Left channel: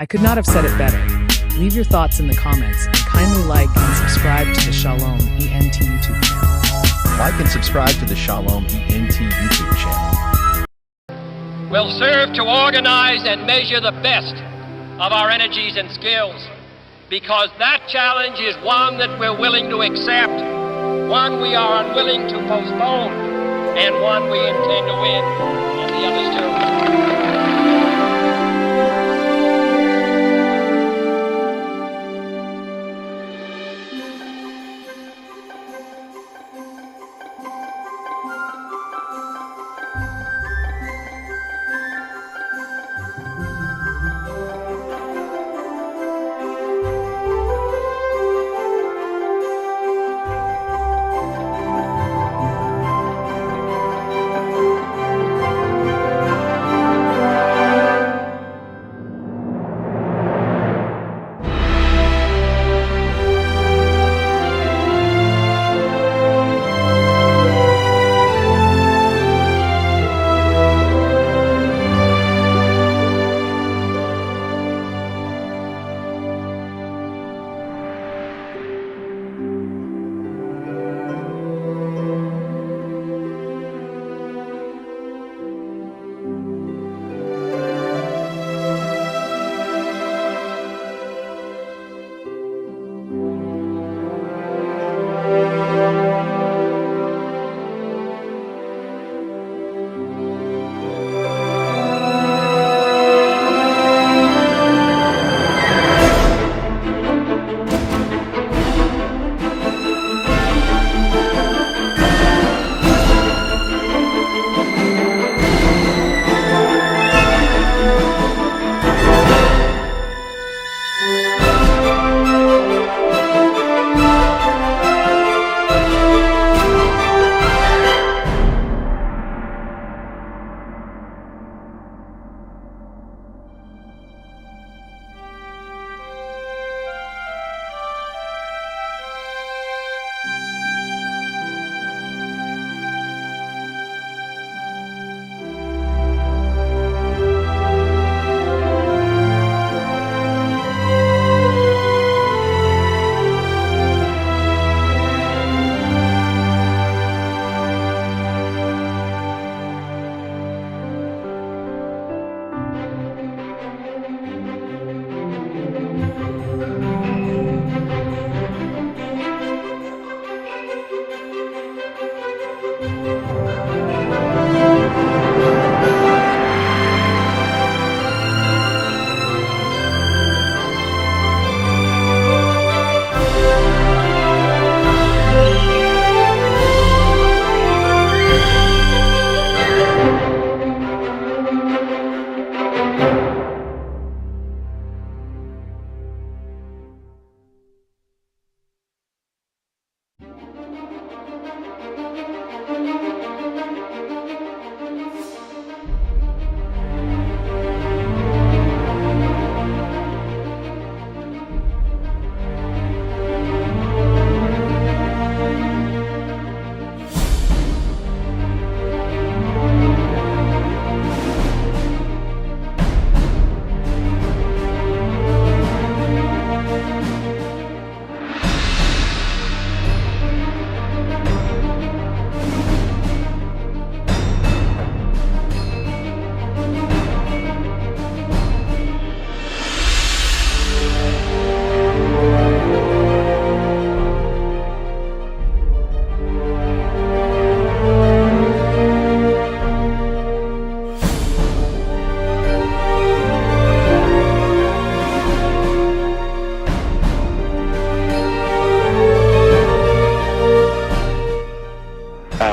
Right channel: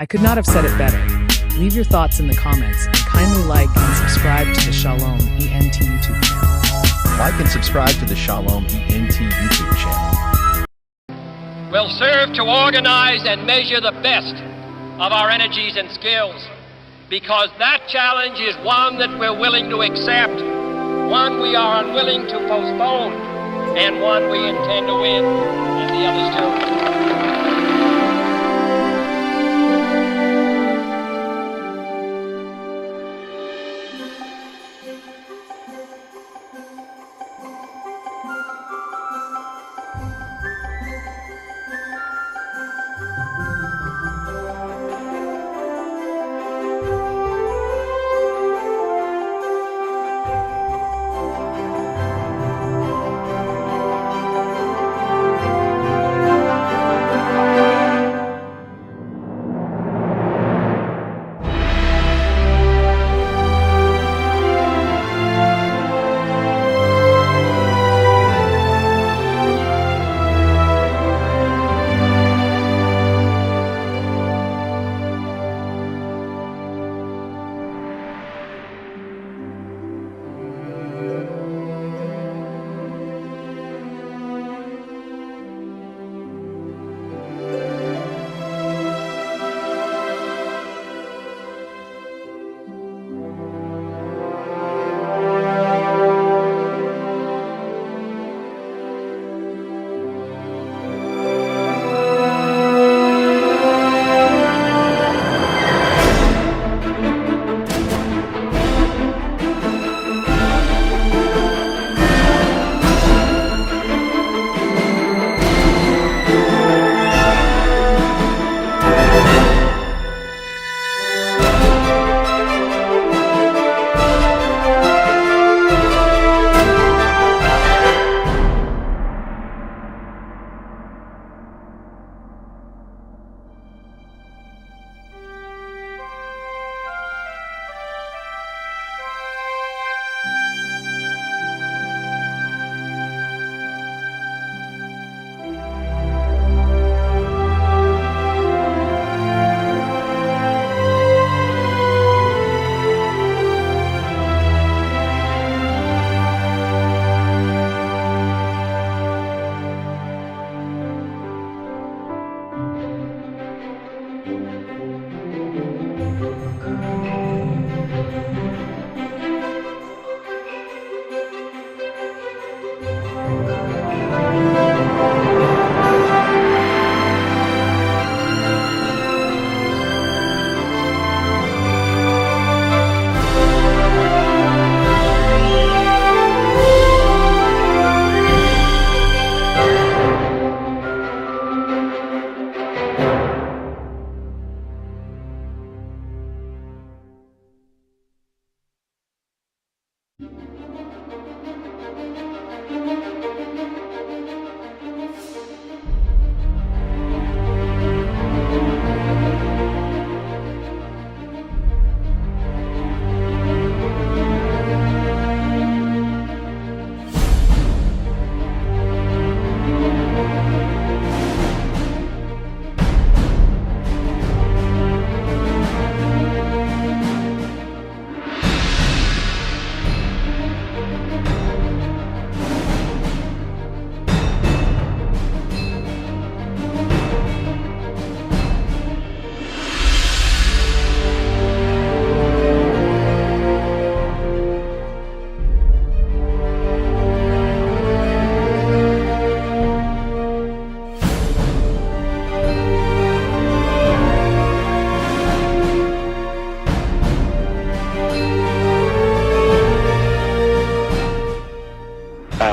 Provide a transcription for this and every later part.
I could not have said it better. Leave your thoughts in the comments and kindly like and subscribe to the Chilom ENT YouTube channel. Like and subscribe to the Chilom ENT YouTube channel. Will serve to organize and measure the best of our energies and skills, because that challenge is one that we're willing to accept, one we are unwilling to postpone, and one we intend to win, and the others too.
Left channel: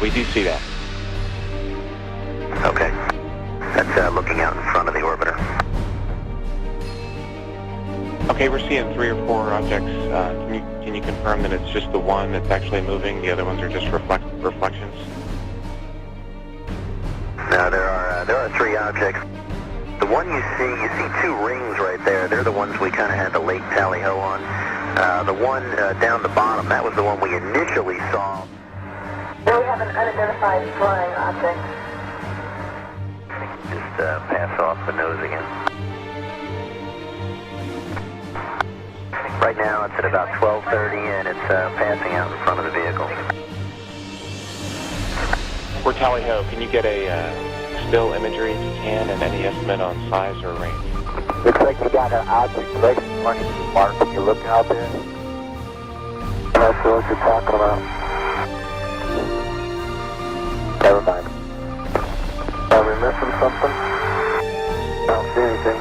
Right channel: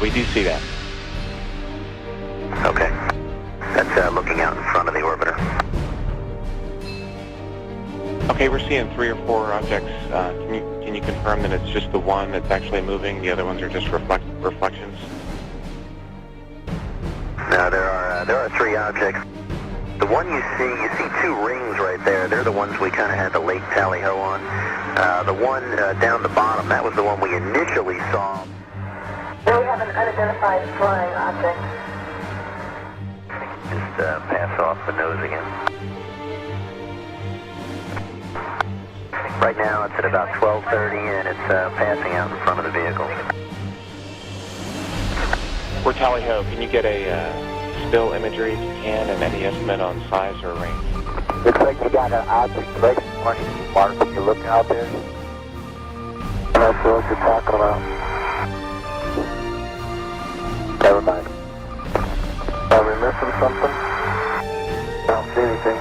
We do see that. Okay. That's looking out in front of the orbiter. Okay, we're seeing 3 or 4 objects. Can you confirm that it's just the one that's actually moving? The other ones are just reflections? No, there are 3 objects. The one you see 2 rings right there. They're the ones we kind of had the late tally-ho on. The one down the bottom, that was the one we initially saw. We have an unidentified flying object. Just pass off the nose again. Right now it's at about 12:30 and it's passing out in front of the vehicle. We're Tally Ho. Can you get a still imagery if you can, and any estimate on size or range? Looks like you got an object right in front of you, Mark. Can you look out there? That's what you're talking about. Never mind. Are we missing something? I don't see anything.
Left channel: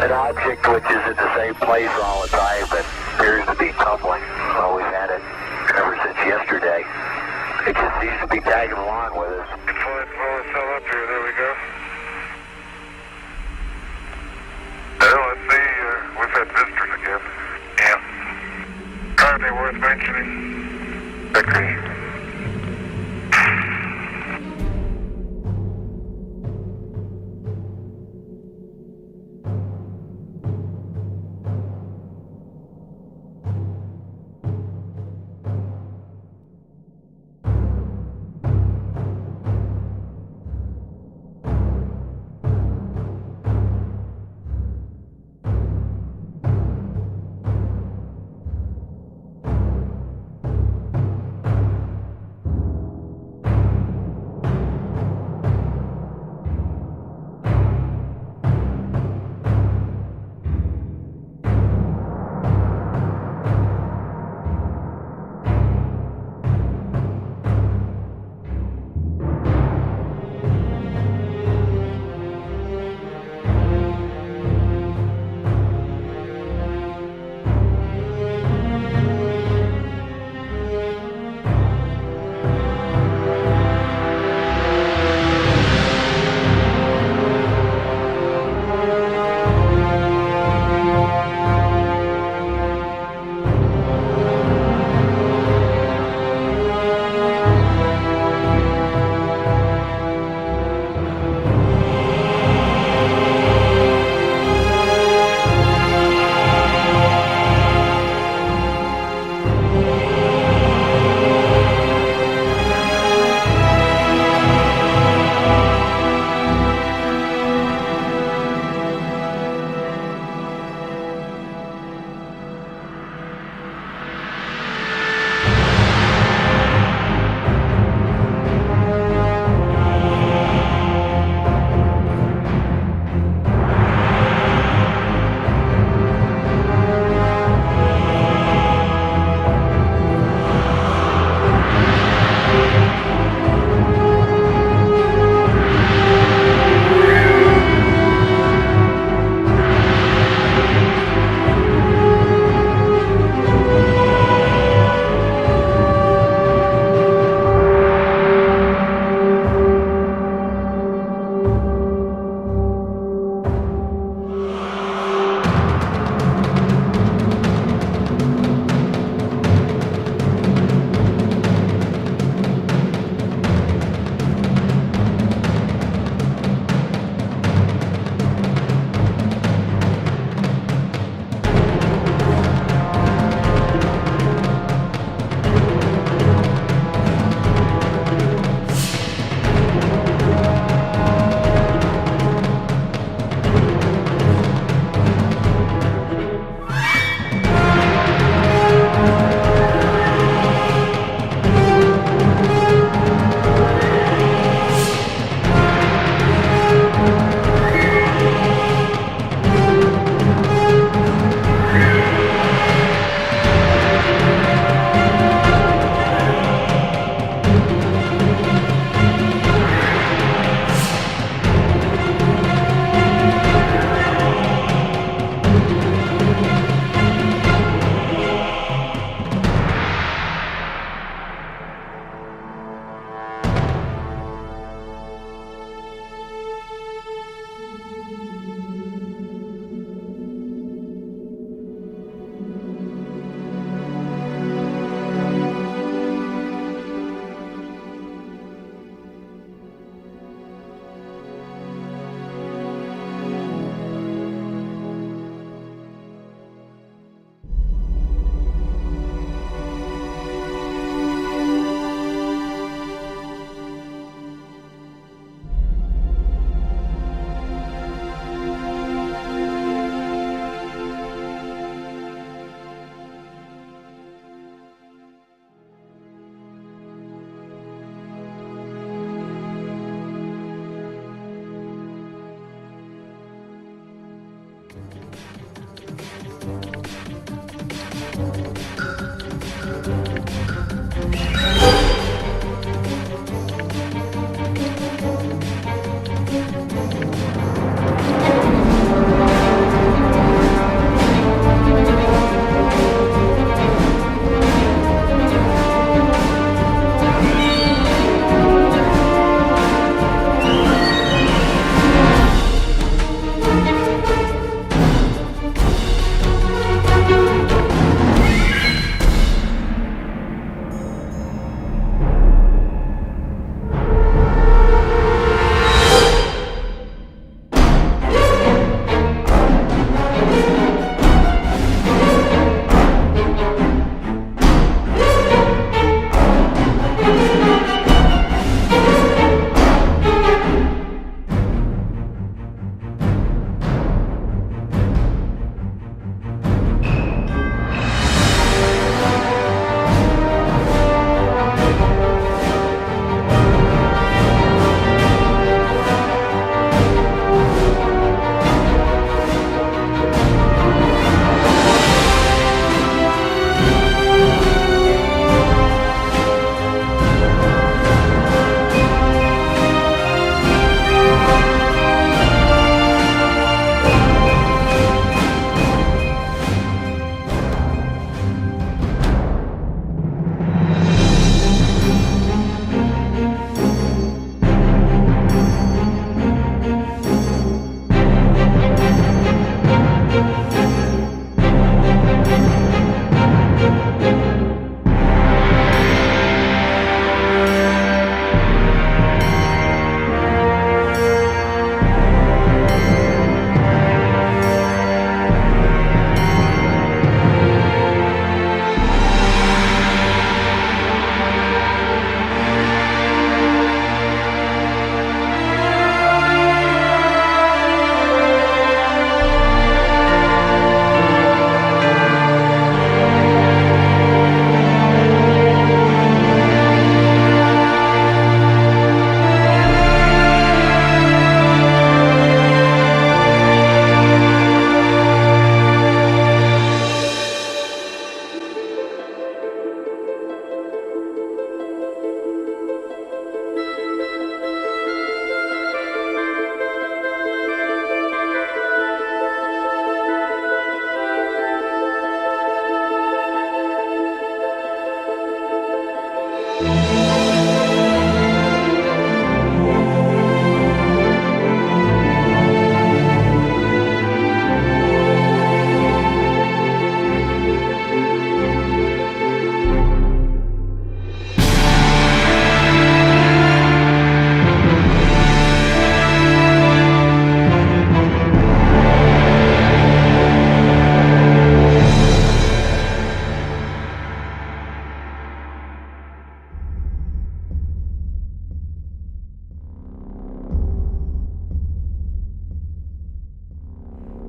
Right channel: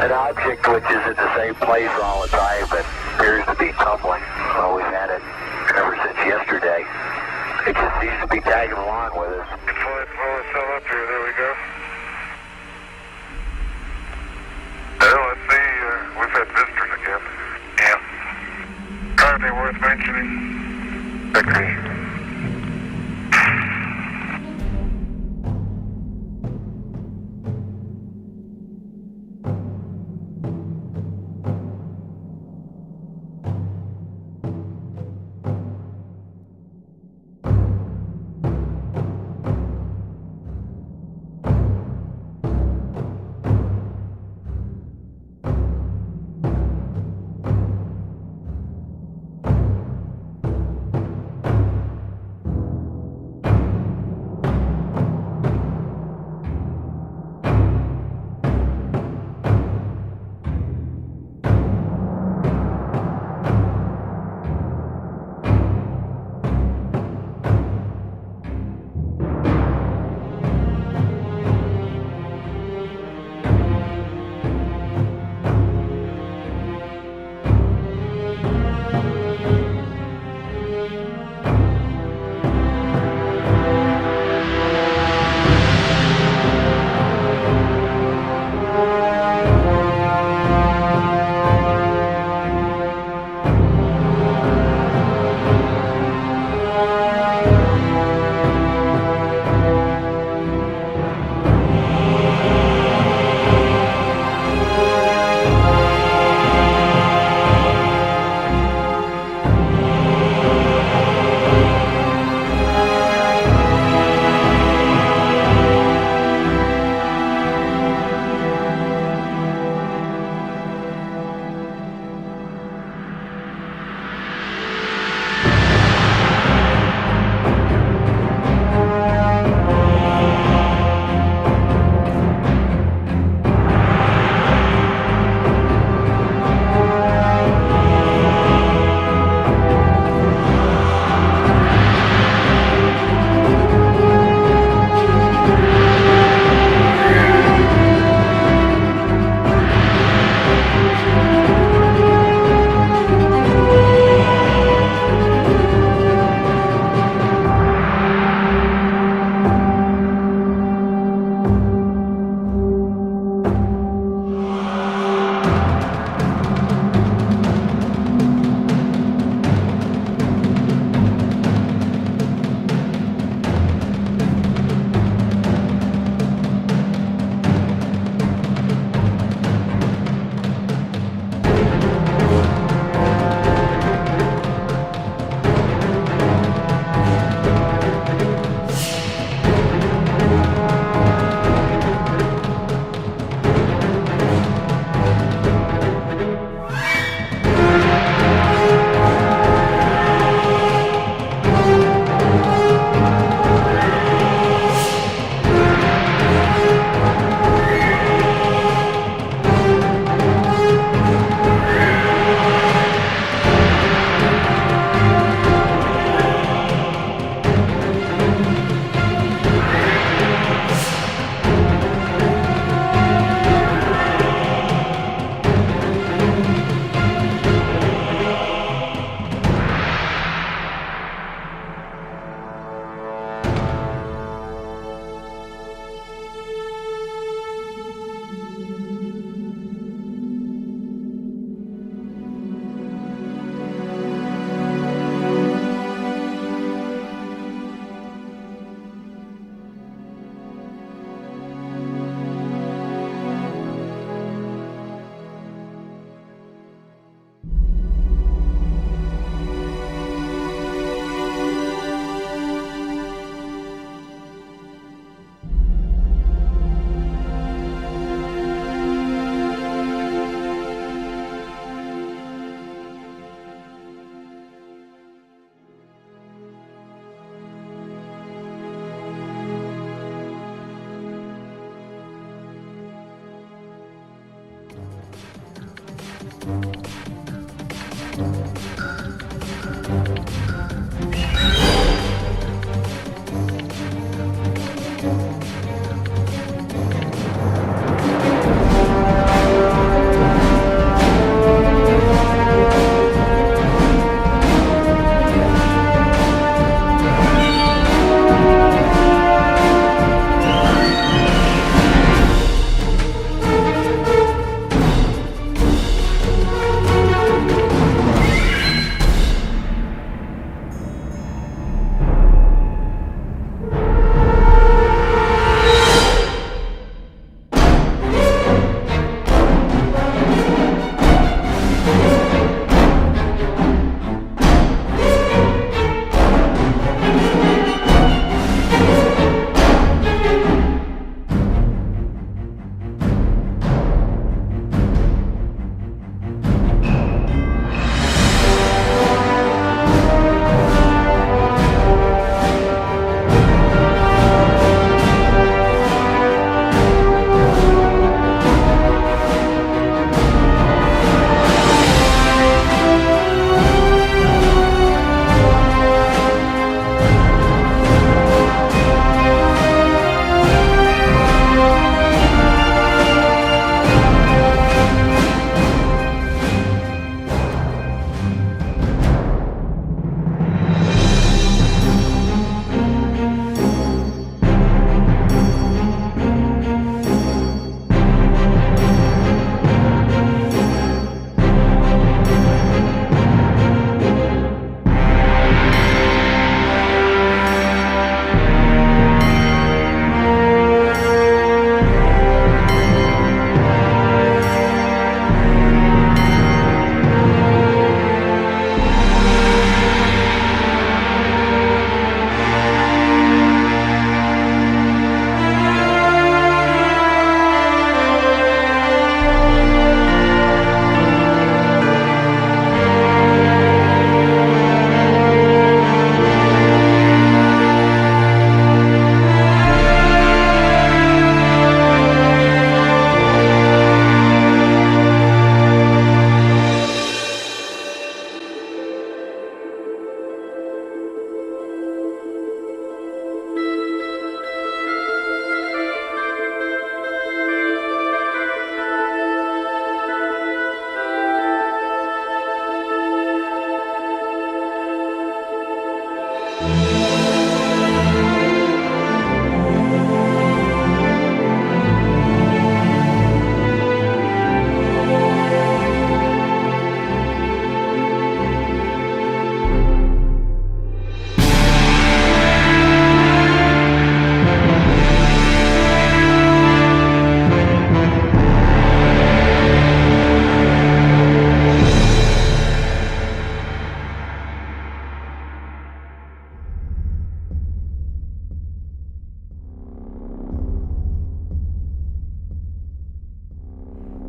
An object which is at the same place all the time but appears to be tumbling. Well, we've had it ever since yesterday. It just seems to be tagging along with us. Flight flow still up here, there we go. Well, let's see, we've had visitors again. Yeah. Anything worth mentioning? Okay.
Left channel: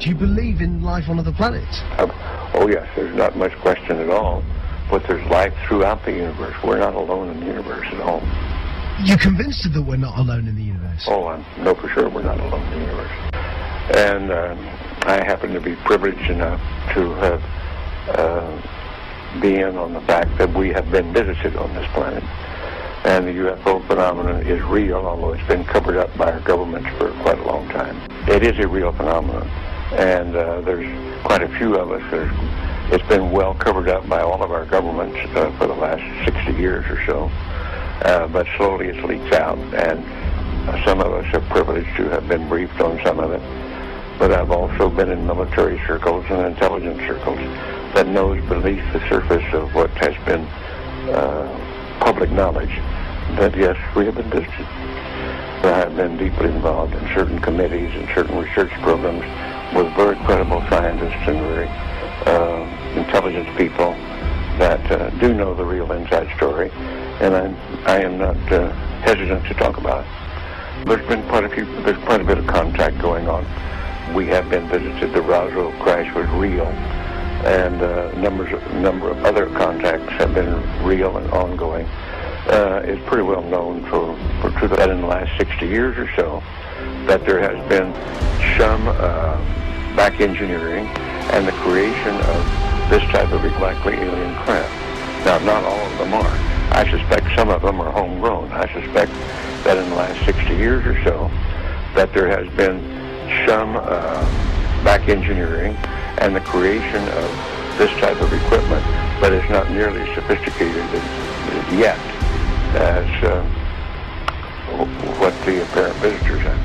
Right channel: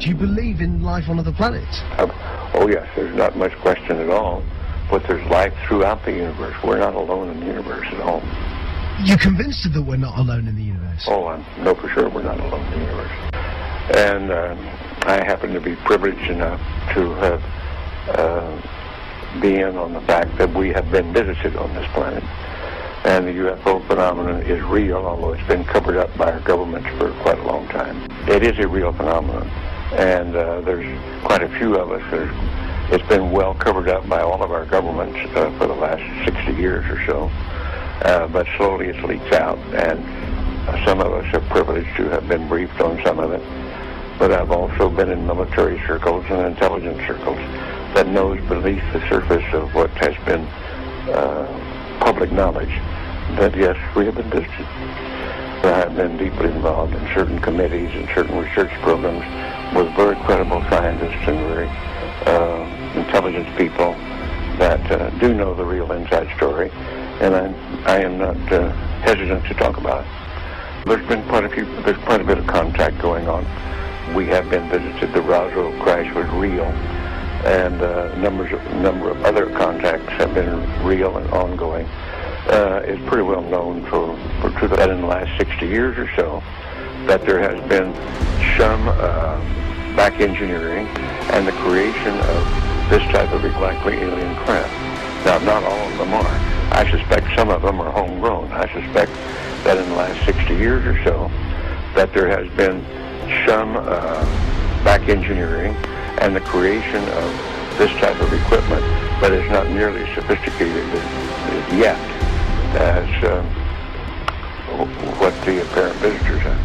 Do you believe in life on other planets? Oh yes, there's not much question at all. But there's life throughout the universe. We're not alone in the universe at all. You're convinced that we're not alone in the universe? Oh, I know for sure we're not alone in the universe. And I happen to be privileged enough to have been on the fact that we have been visited on this planet. And the UFO phenomenon is real, although it's been covered up by our governments for quite a long time. It is a real phenomenon. And there's quite a few of us. It's been well covered up by all of our governments for the last 60 years or so. But slowly it's leaked out, and some of us are privileged to have been briefed on some of it. But I've also been in military circles and intelligence circles that knows beneath the surface of what has been public knowledge that, yes, we have been visited. I have been deeply involved in certain committees and certain research programs with very credible scientists and very intelligence people that do know the real inside story, and I am not hesitant to talk about it. There's quite a bit of contact going on. We have been visited. The Roswell crash was real, and a number of other contacts have been real and ongoing. It's pretty well known that in the last 60 years or so that there has been some back engineering and the creation of this type of likely alien craft. Now, not all of them are. I suspect some of them are homegrown. I suspect that in the last 60 years or so, that there has been some back engineering and the creation of this type of equipment, but it's not nearly as sophisticated yet as what the apparent visitors have.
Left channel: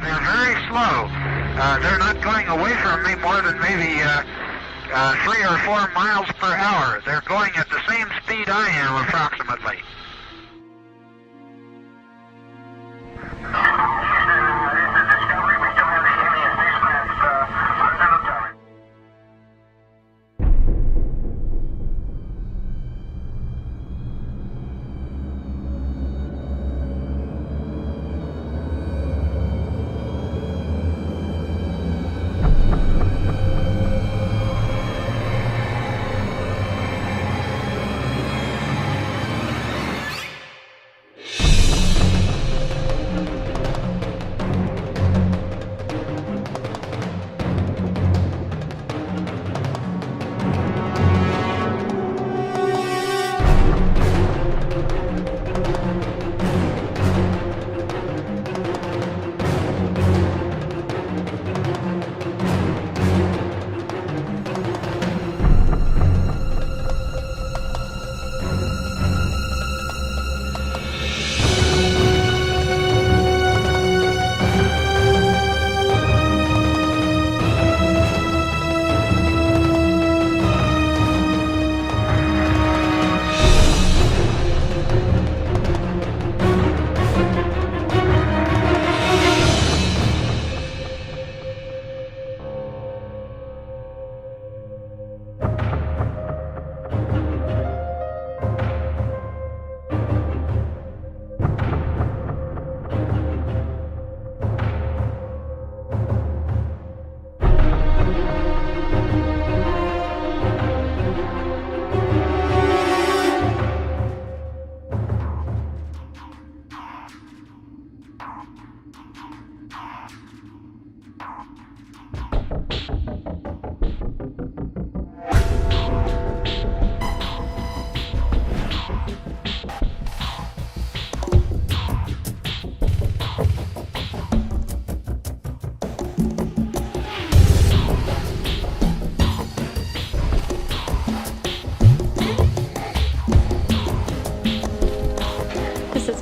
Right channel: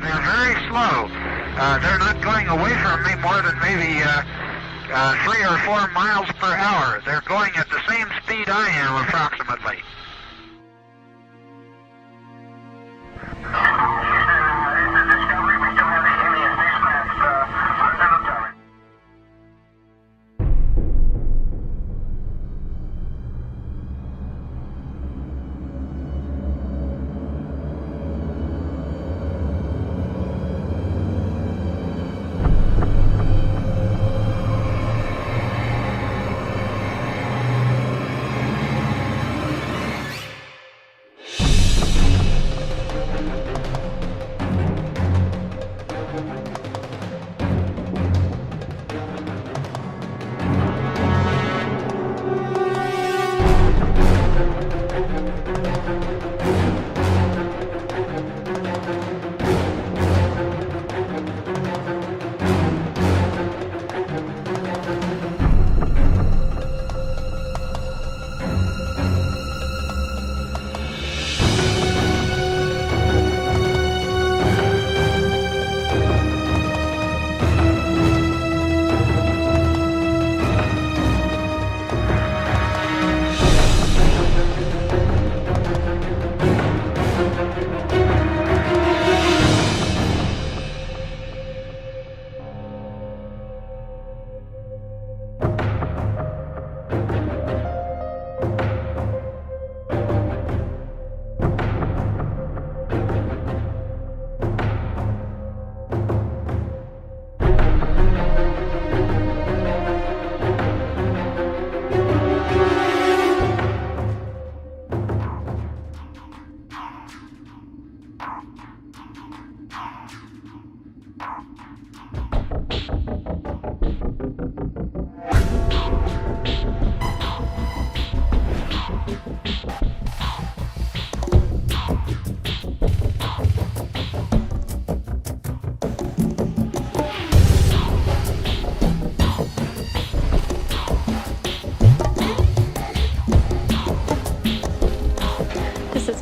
They're very slow. They're not going away from me more than maybe 3 or 4 miles per hour. They're going at the same speed I am, approximately.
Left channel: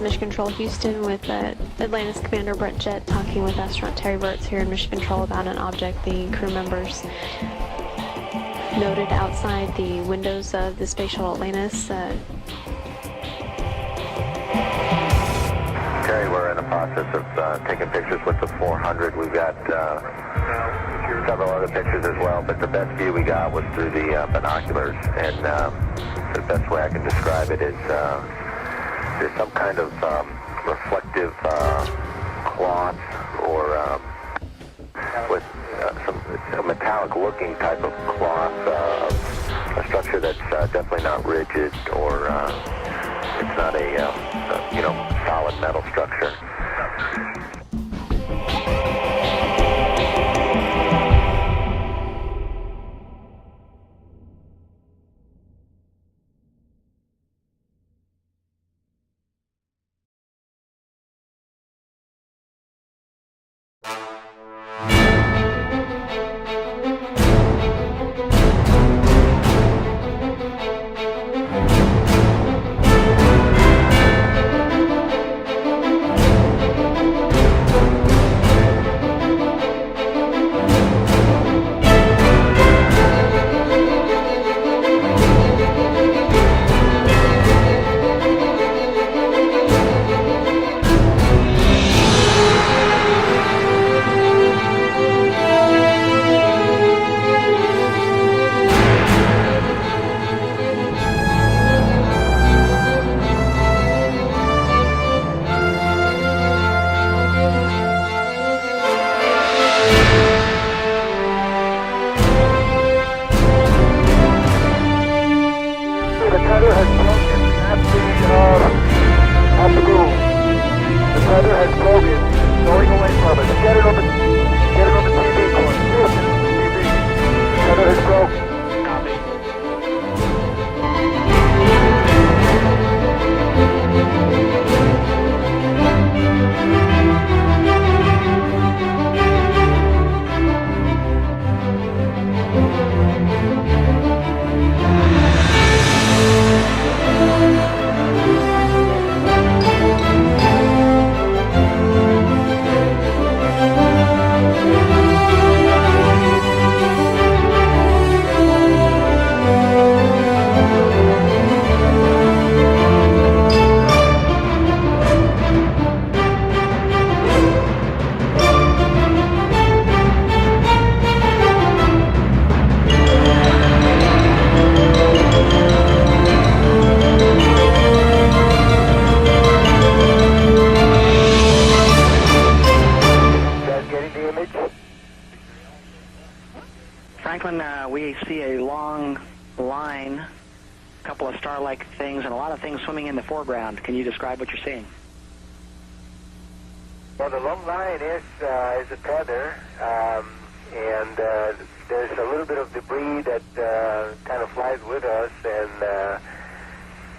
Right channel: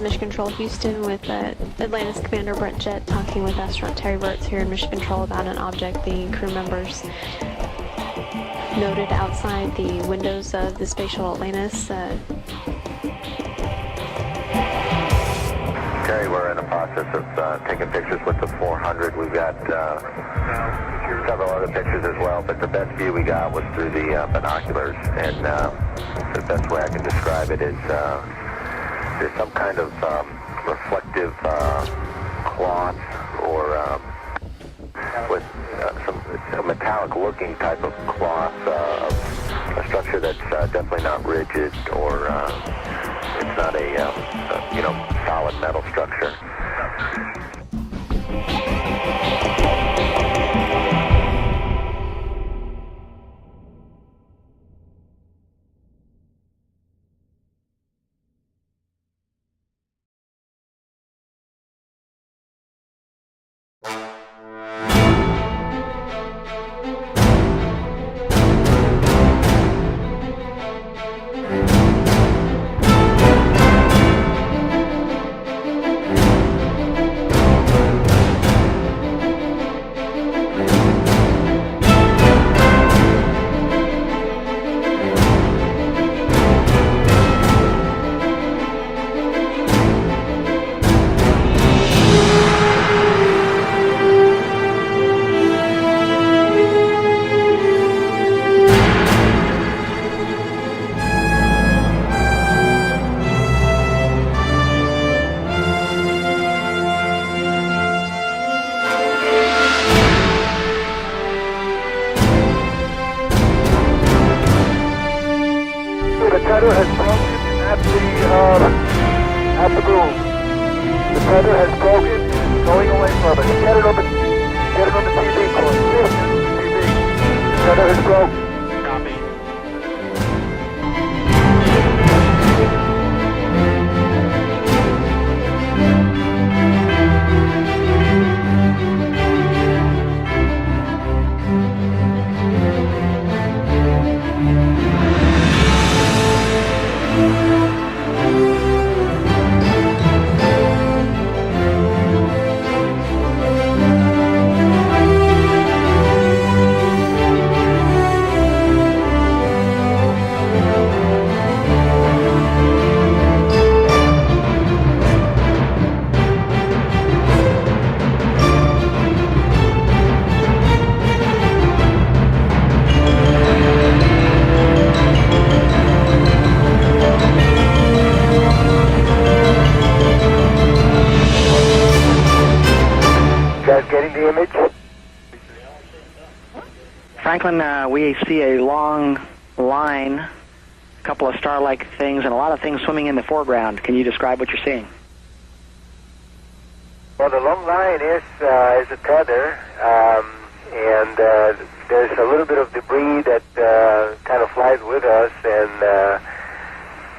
Mission Control Houston with Atlantis Commander Brett Jett talking with astronaut Terry Burtz here in Mission Control about an object the crew members noted outside the windows of the Space Shuttle Atlantis. Terry, we're in the process of taking pictures with the 400. We've got several other pictures as well, but the best view we got was through the binoculars, and the best way I can describe it is there's some kind of reflective cloth or with a metallic-looking type of cloth, a structure that's definitely not rigid or it's not a solid metal structure. tether has broken at the boom. The tether has broken. It's going away from us. Get it on the TV cord. Listen, TV. The tether has broken. Copy. Getting the image? Franklin, we see a long line, a couple of star-like things, and a lot of things swimming in the foreground. Can you describe what you're seeing? Well, the long line is a tether, and there's a little bit of debris that kind of flies with us, and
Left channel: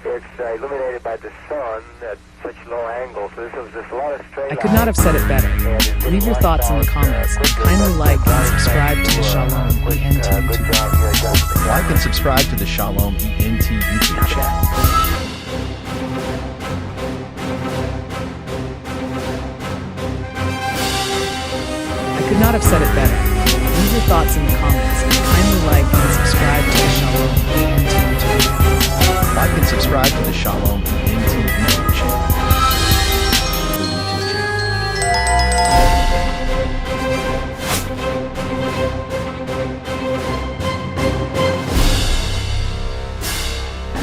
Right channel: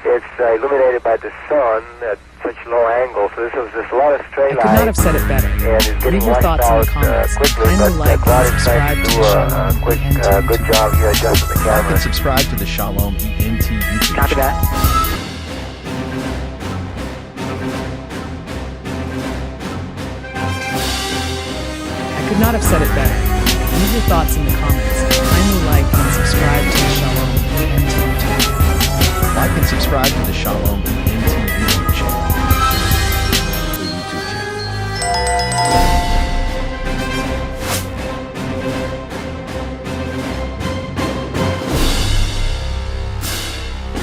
it's illuminated by the sun at such low angle, so there's a lot of straight lines. I could not have said it better. Leave your thoughts in the comments and kindly like and subscribe to the Chilom ENT good job, you adjusted the Like camera. and subscribe to the Chilom ENT YouTube Copy channel. that. I could not have said it better. Leave your thoughts in the comments and kindly like and subscribe